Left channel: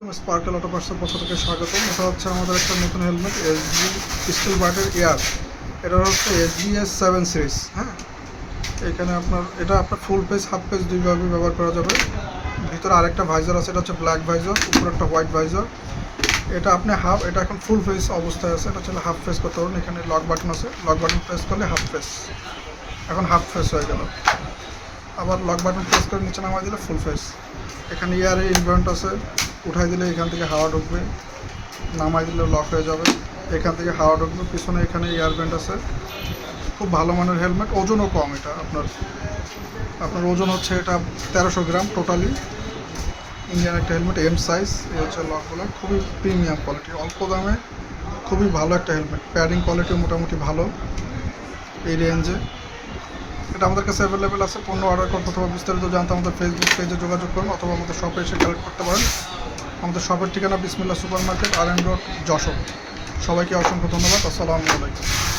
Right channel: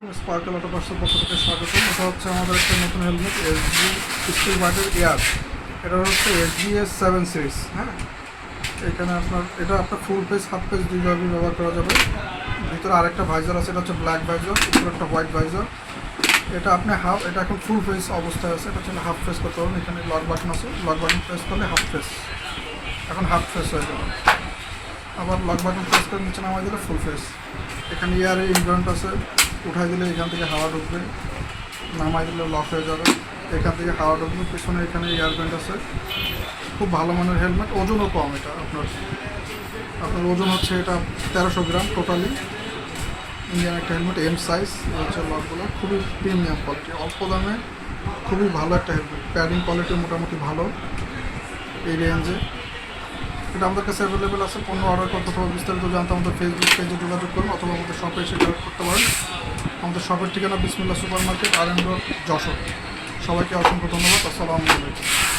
Sparkle auto পার্টসের পক্ষ থেকে স্বাগতম। এটা হচ্ছে আমাদের একটা নতুন হেলমেট এসবি পিস্তল বাটের এয়ার। এটা হচ্ছে এসবিএস 7 সিরিজ। হ্যাঁ, এখানে আপনার ফুল পেজ হাফ পেজ দুইভাবে ব্যবহার করা যাবে। ভিতরে আরেকটা ভাইজার আছে, এটা হচ্ছে ব্ল্যাক ভাইজার, উপরে একটা হোয়াইট ভাইজার। এটা এখন ফুল ফেস অবস্থায় আছে, এটা হচ্ছে হাফ ফেস করতে পারবেন। এখানে লক বাটন আছে, লক বাটন প্রেস করলে হাফ ফেস, এখন হাফ ফেস হয়ে গেল। আবার লক বাটন প্রেস করে নিচে নামাই দিলে ফুল ফেস। এখানে এয়ারে ইনভার্ট আছে, উঠাই দিলে এখান থেকে হাওয়া ঢুকবে, নামাই দিলে লক হয়ে যাবে, এখান থেকে হাওয়া ঢুকবে। পিছনে এখানে এয়ার ব্যান্ড আছে, খুব ভালো মানের হেলমেট, ওজনও কম। এটা আপনার ওজন হচ্ছে এটা 1300 গ্রাম টোটালি। ইন্ডিয়ান একটা হেলমেট, এম সাইজ। হচ্ছে লকগুলো খুবই প্রিমিয়াম কোয়ালিটি, অল্প দামে খুবই ভালো একটা হেলমেট। প্যাডিং কোয়ালিটি মোটামুটি ভালো এই রেঞ্জে। এটা আমাদের কাছে অ্যাভেলেবেল আছে। পণ্য অর্ডার করতে অথবা বিস্তারিত জানতে আমাদের ফেসবুক পেজে যোগাযোগ করুন, অথবা আমাদের শপে এসে কালেক্ট করতে পারেন। আমাদের শপের ঠিকানা বিসমিল্লাহ সুপার মার্কেট, আর এন রোড, যশোর। সবাইকে অসংখ্য ধন্যবাদ। আসসালামু আলাইকুম।